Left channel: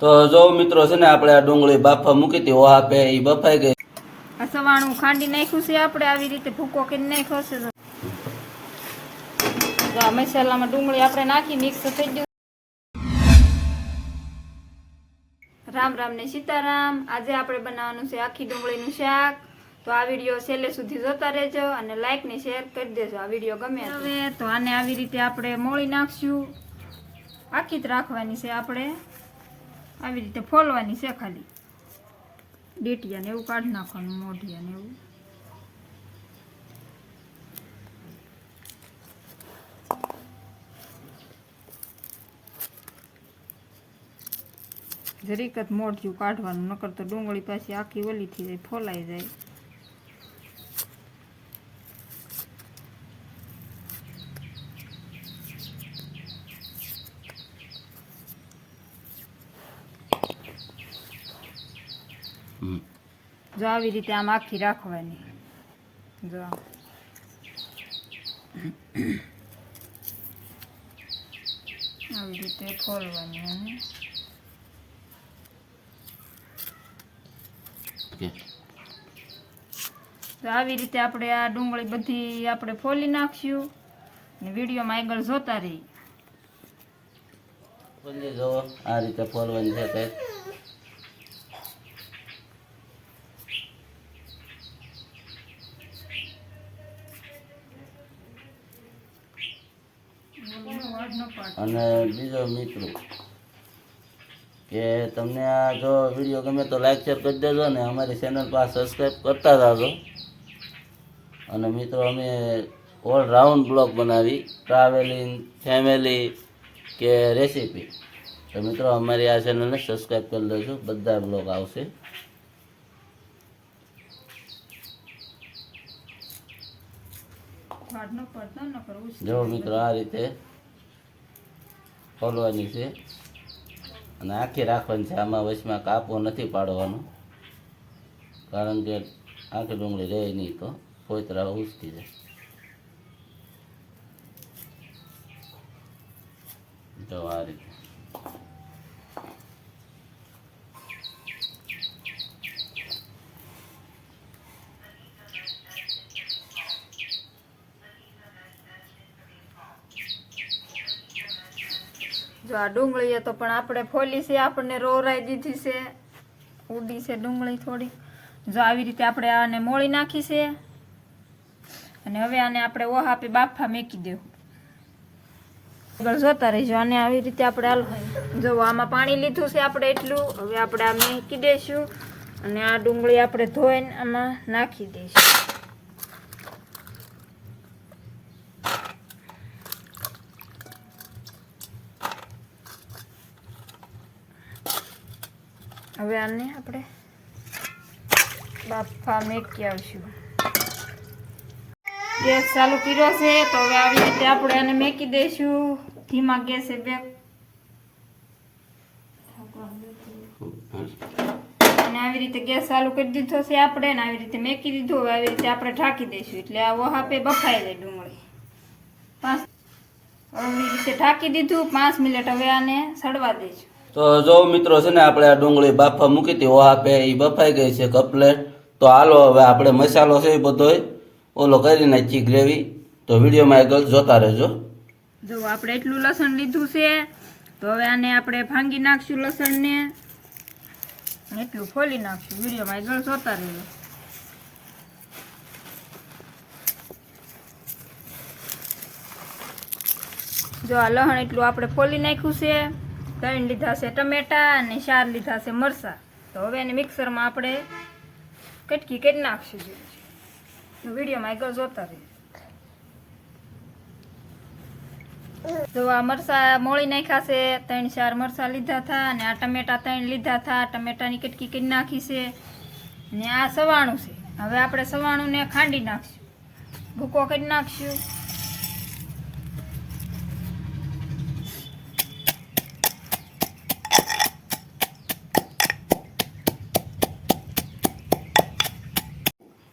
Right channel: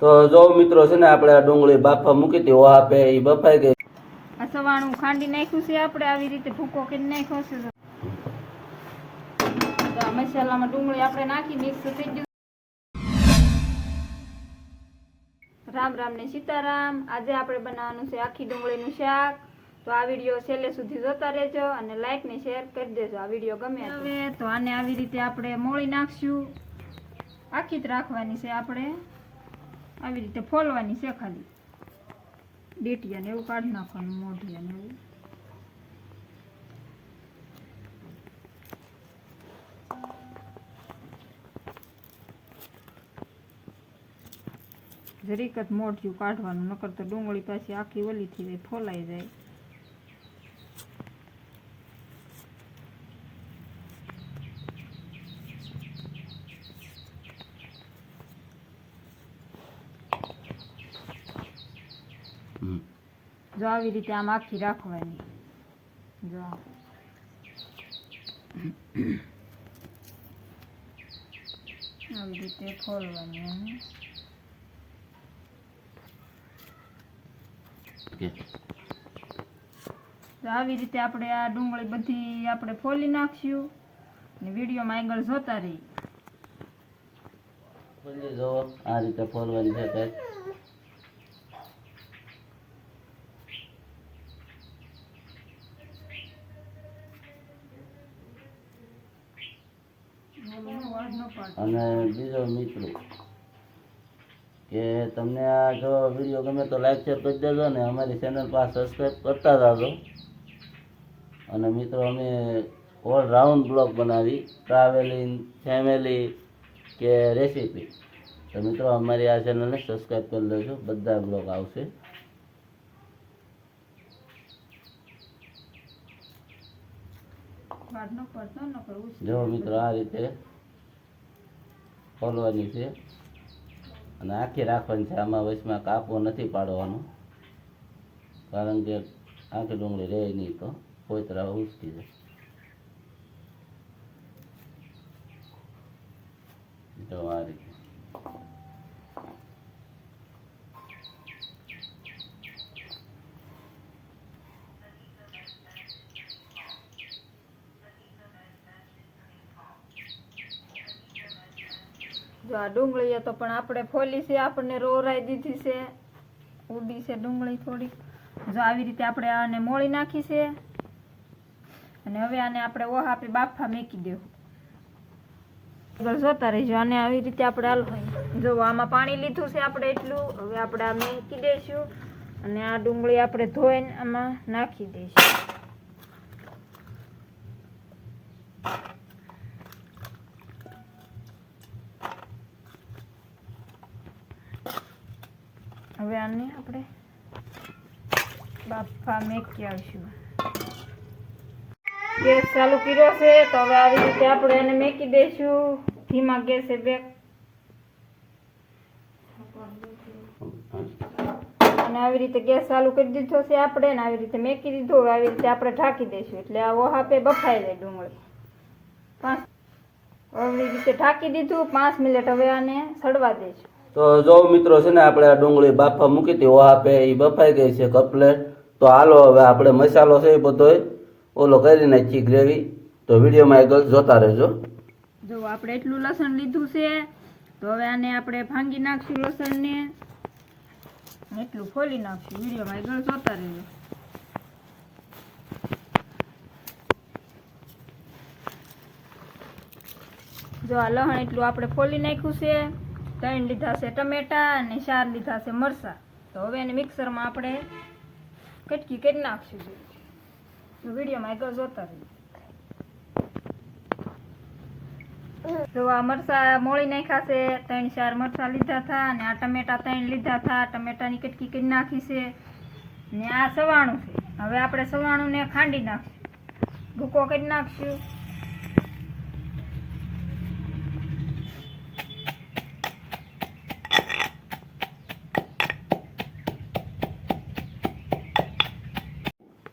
તો જો મિત્રો છે ને આપણે આ ડુંગળી બાફા મૂકી હતી ઓહા પે એ બફાઈ ગઈ. આ સવાણું ખાંડી નાખ્યું છે આપણે આવી રીતે ભૂકો કરી નાખ્યો છે. તો આ મસાલામાં ડુંગળી આપણે નાખી મિક્સ થઈ ગયું. રામ રામ ને સીતારામ. આજે આપણે બનાવવાનું છે આખી ડુંગળીનું શાક. તો આ વિડીયો છેલ્લે સુધી જોતા રહેજો અને લાઈક ને શેર કરી દેજો આ વિડીયો ગમે હવે. તો આને આવી રીતે આપણે મોળી નાખશું. આખી જ રાખવાની છે આપણે, આવી રીતે ફોલવાની છે ખાલી. ડેટિયા ને એવું કાઢી નાખવાનું, મોઢિયા ને એવું. જરીક જ મોઢિયું કાઢવાનું, નકર તો ડુંગળી પાછી આખી ઓલી થઈ જાય, ફોલાઈ જાય. જો આવી રીતે આમ આખી રાખવાની. જો આવી રીતે ફોલવાની. તો આવી રીતે આપણે આ ડુંગળી બધી આપણે ફોલી નાખશું અને વિડીયોમાં આગળ જોતા રહી. જો આ રીતે ફોલવાની છે તે. અને બીજો મિત્રો કે તમને આ જો વિડીયો ગમે તો લાઈક શેર કરી દેજો ને અમારી ચેનલ પર સબસ્ક્રાઈબ કરતા જાજો. અને મિત્રો અમે ઓલ રાઉન્ડ બ્લોગ બનાવી, ટ્રાવેલિંગ, ફેમિલી કે રેસીપી. તો મિત્રો અમારી આ ચેનલને સબસ્ક્રાઈબ કરી લેજો, બધા બ્લોગ આવશે. જો મિત્રો આ રીતે ખોલવાની છે અને આખી રાખવાની છે. આમાં વચમાં કાપો નથી પાડવાનું, કારણ કે આખી ડુંગળી રહે નહીં તો કોઈતરા ઉસકી જાય. તો આ રીતે જો આ ડુંગળી તો પણ આપણે ફોલી છે, આપણને રોરાઈ દીધી છે, ઉડી છે ડુંગળી થોડી. જો આવી રીતે આપણે આને મોળી નાખી છે અને હવે આને આપણે ઓહા આપી બાફા મેકી દેવું. આગળ જોતા રહીજો. આને આવી રીતે આપણે હલવાય. જો આમાં પાણી લીધું છે આપણે એટલું. હવે આપણે આ મેકી દઈશું અને આ ડુંગળી આપણે ધોઈને આમાં નાખી દઈશું. હવે આને આપણે બાફા મેકી આવશું. ગેસ ચાલુ કર્યો છે તો હવે આવી રીતે આપણે આને મેકી દઈશું ધીમા ગેસે બેક. અને આવી રીતે ગેસ ચાલુ કરી દીધો છે આપણે ને આવી રીતે મેકી દીધો. હવે આવી રીતે આપણે ઢાંકી દઈશું એટલે આ ઓહાપે બફાઈ જાય ડુંગળી. આવી રીતે ઢાંકી દીધું 5 મિનિટ. હવે આને સડવા દઈશું. તો જો મિત્રો છે ને આપણે આ ડુંગળી બાફા મૂકી હતી ઓહા પે એ બફાઈ ગઈ છે કમ્પ્લેટ. તો હાલો હવે આપણે મસાલો છે એ બધો ઓલો કરી નાખીએ ગ્રેવી. તો વિડીયોમાં આગળ જોતા રહેજો. જો આપણે એટલું લસણ લીધું છે તો હવે આને આપણે ભાંગી નાખશું લસણને, એટલું ખોલી નાખશું. વિડીયોમાં આગળ જોતા રહેજો. જો આ લસણ એટલું આપણે ખોલી નાખ્યું છે. 3 લીધા છે ટમેટા અને 4 લીધા છે મરચાં. તો હવે એને મિક્સરમાં આપણે કટકી કરી નાખશું. વિડીયોમાં આગળ જોતા રહીએ. તો આ મરચાં મોળી નાખ્યા છે. 3-4 મરચાં લીધા હતા અને આ ટમેટા 3 લીધા હતા. ટમેટાની કટકી કરી નાખી છે ને આ સવાણું છે. હવે આપણે સવાણુંને ખાંડી નાખશું, ભૂકો કરી નાખશું.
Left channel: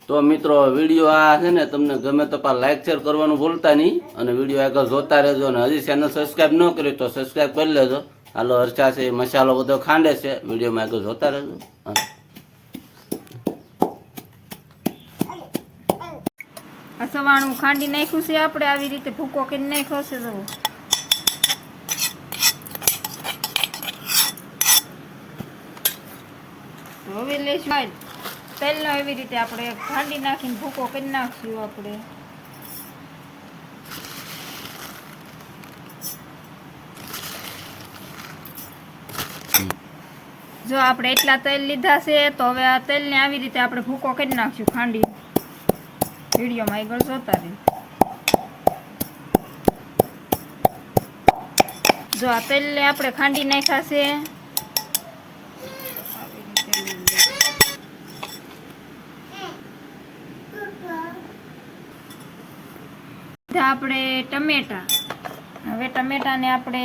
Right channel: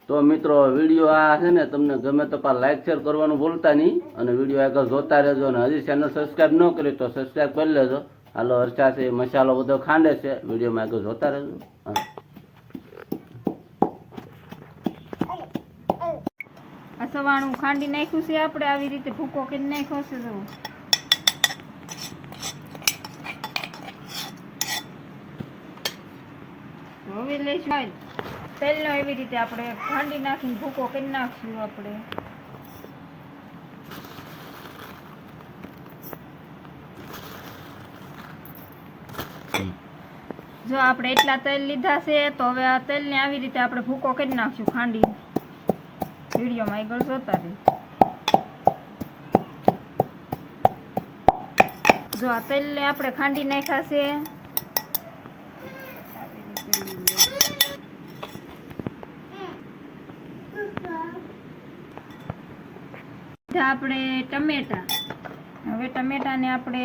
તો મિત્રો વિડીયો આ છે ને તમને ગમે તો લાઈક શેર કરવાનું ભૂલતા નહીં અને વિડીયો આગળ જોતા રહેજો. અને હજી ચેનલ સબસ્ક્રાઈબ ન કરી તો સબસ્ક્રાઈબ કરી લેજો. હાલો હર્ષા છે મસાલો બધો ખાંડે છે, વિડીયોમાં આગળ જોતા રહેજો. હા. આ સવાણું ખાંડી નાખ્યું છે આપણે, આવી રીતે ભૂકો કરી નાખ્યો છે. જો હવે લેશું તેલનો, એવી રીતે આપણે ખાંડી નાખીને ભૂકો કરી નાખશું આપણે. જો આપણે એટલા તેલ લીધા છે તો હવે આ તેલને આવી રીતે આપણે ભૂકો કરી નાખશું ખાંડી. વિડીયોમાં આગળ જોતા રહે. જો આ તેલને આપણે ખાંડી નાખ્યા છે. આપણે ટમેટા, હવે ટમેટાને આપણે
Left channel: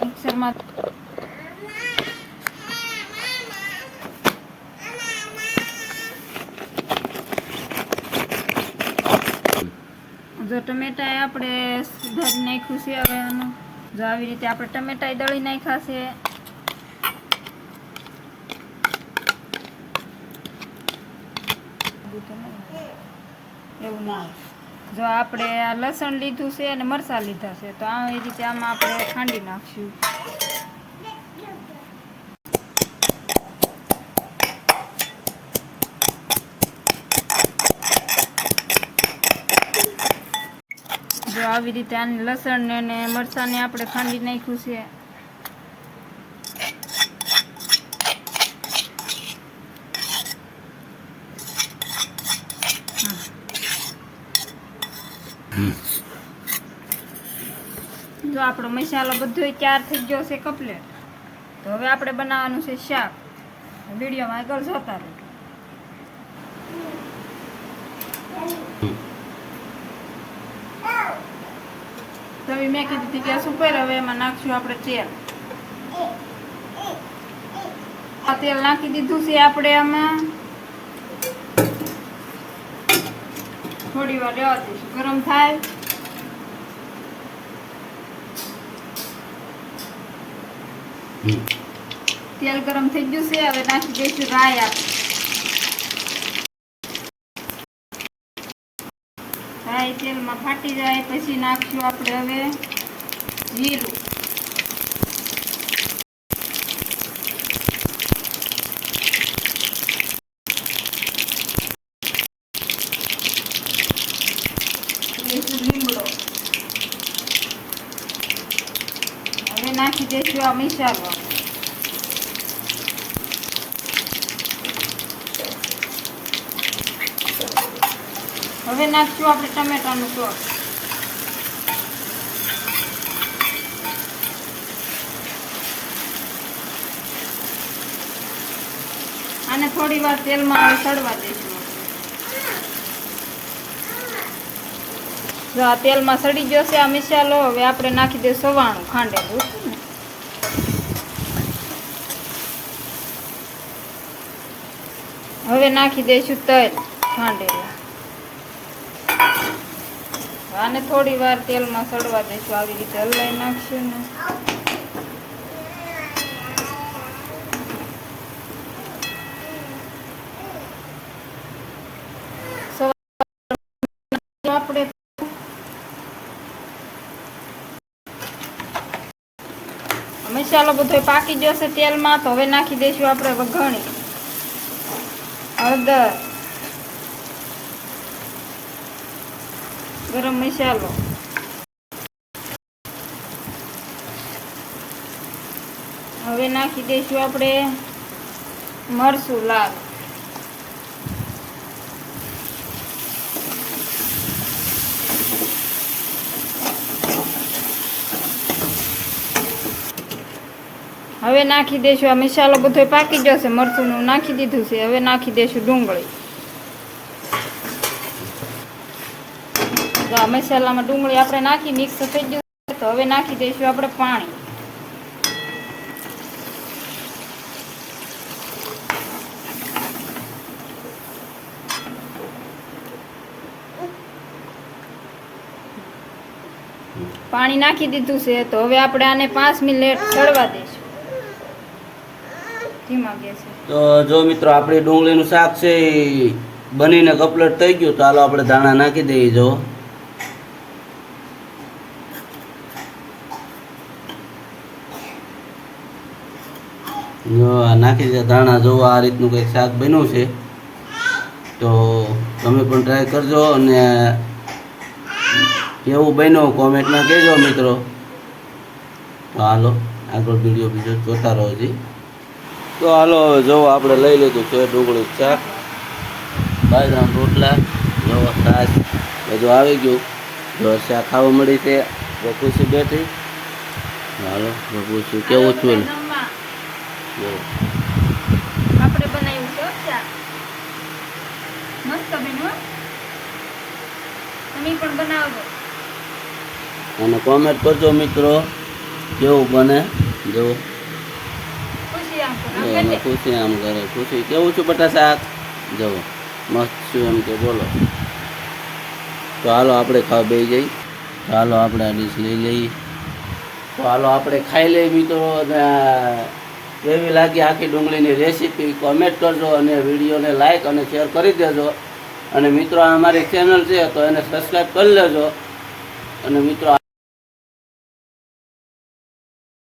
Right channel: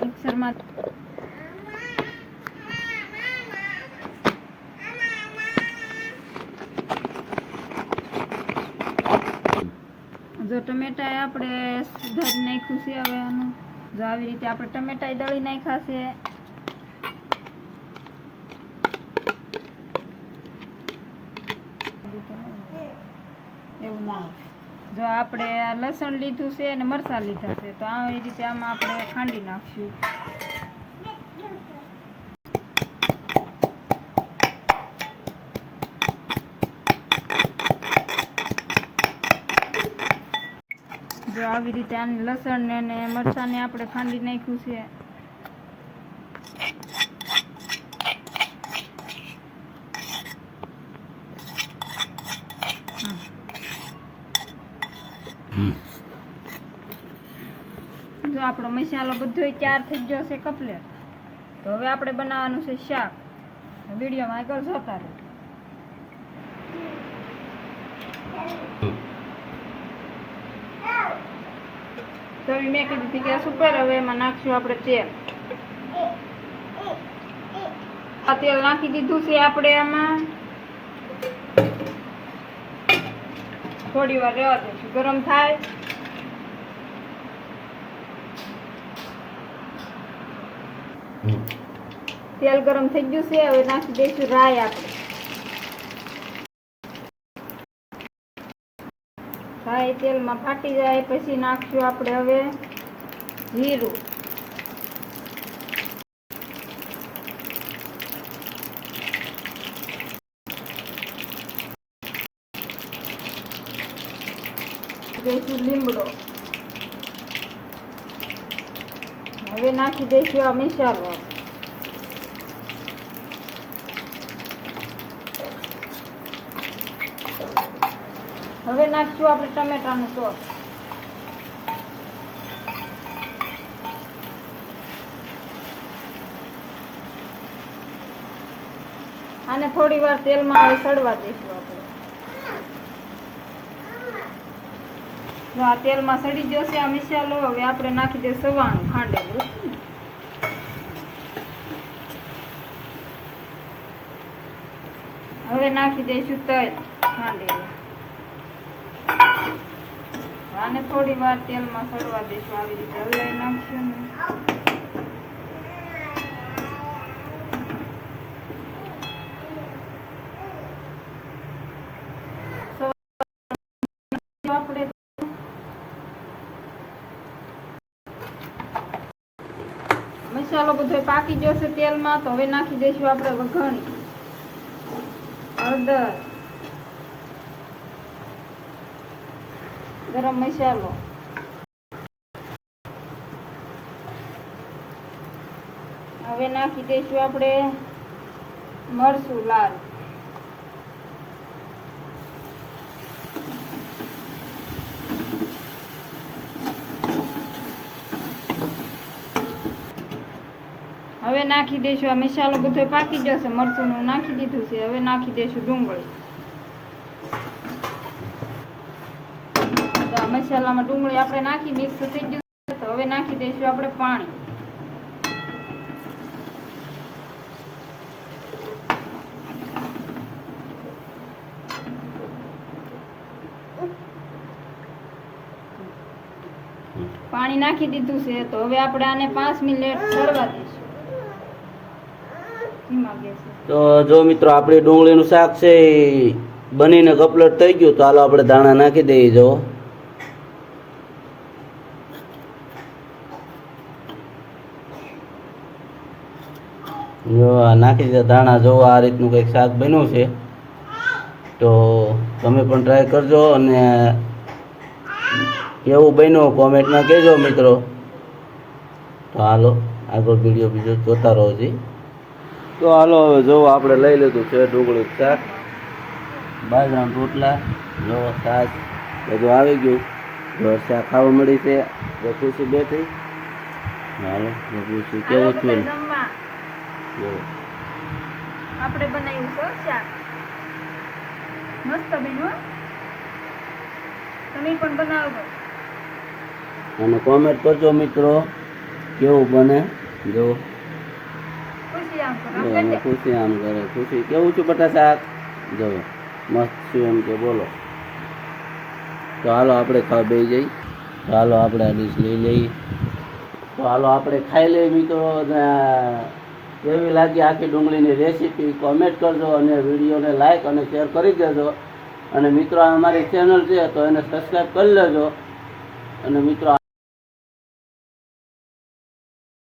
મિક્સરમાં જો ટમેટા આપણે સુધારી નાખ્યું છે. હવે આનું જો આવી રીતે આપણે ટમેટા દળી નાખ્યા છે. એવું ના આવે. જો આપણે આ લસણ લીધું છે અને મરચાં લીધા છે, તો આવી રીતે આમાં આપણે ખાંડી નાખશું. જો આવી રીતે આને લસણ અને મરચાંને આપણે ખાંડી નાખ્યું છે. જો આપણો મસાલો બધો તૈયાર થઈ ગયો છે કમ્પ્લીટ. તો હવે આપણે બનાવવાનું છે શાક. વિડીયોમાં આગળ જોતા રહો. તવી મેં કીધું હતી ગેસ ઉપર. હવે એમાં નાખશું આપણે તેલ. આ તેલ નાખી દીધું છે આપણે આમાં. થોડી વાર રહેવા દઈશું, ગરમ થાય. તેલ ગરમ થઈ ગયું છે. હવે નાખી દઈશું રાઈ. આપણે રાઈ તેલમાં ફાટી જાય પછી નાખશું આપણે હવે જીરું. દઈશું લીમડો. હવે નાખી દઈશું આ મસાલો. હવે નાખશું આપણે ટમેટાનું સોસ. આને થોડી વાર તેલમાં હવે સડવા દઈશું આપણે. જો આ તેલમાં સડી ગયો છે આ મસાલો. હવે આપણે નાખી દઈશું સવાણું ખાંડેલું. હવે નાખી દઈશું તલ ખાંડેલું. આને થોડી વાર તેલમાં સડવા દઈશું. આવી રીતે હલાવી નાખશું ને આપણે મસાલો બધો પાકી જશે તેલમાં. તો હવે નાખી દઈશું આપણે વઘાણી, હળદર, ગરમ મસાલો, હવે નાખી દઈશું આપણે મરચું લાલ, હવે નાખી દઈશું આ મસાલો બધો પાકી જશે. મરચું નાખી દીધું છે. હવે નાખી દઈશું ડુંગળી. તો આ મસાલામાં ડુંગળી આપણે નાખી મિક્સ થઈ ગયું. તો હવે નાખી દઈશું આપણે પાણી. પાણી નાખી દીધું છે. તો હવે આપણે આને 5 મિનિટ ચડવા દઈશું. ધીમા ગેસે. તો જો મિત્રો આપણી ડુંગળીનું શાક છે એ બનીને કમ્પ્લીટ થઈ ગયું. તો હાલો આપણે દાણા નાખી દઈએ. જો આ નાખી દે દાણા. જો આ રીતનું કંઈક શાક બન્યું છે. તો તમે પણ ટ્રાય કરજો અને કેવું બન્યું કોમેન્ટમાં કહેજો મિત્રો. તો હાલો આગળ વિડીયો બીજો જોતા રહો જી. તો હાલો હવે જો આપણે લઈ લીધું છે ડુંગળી શાક, બાજરાના રોટલા, જો છાશ બધું આવી ગયું. જો શાક ખાવા મળી છે. જો ખુશી બેઠી. હાલો જો પૂછ્યું કેવું છું ને. જમવા જો આપણે બનાવ્યું છે શાક મસ્ત બન્યું હો. તમે પણ બનાવજો. અને કોમેન્ટ કરજો મિત્રો કેવું બને. જો ખુશી આમ કરો. જો અમે ખુશી આમ કરે. ખુશી કેવું છું બટા શાક. જો મસ્ત છું એમ કે બોલો. તો હાલો આપણે ખાવા બેસી જઈએ. તો હાલો આપણે આ ડીશ લઈ લઈએ. તો હાલો આપણે ખાઈ લઈએ મિત્રો. અને કેવી લાગી આખી ડુંગળીની રેસીપી કોમેન્ટ કરજો અને વિડીયોને લાઈક અને શેર કરી દેજો. અને મિત્રો આ અમારી ચેનલ છે તો એને સબસ્ક્રાઈબ કરી લેજો. અને મિત્રો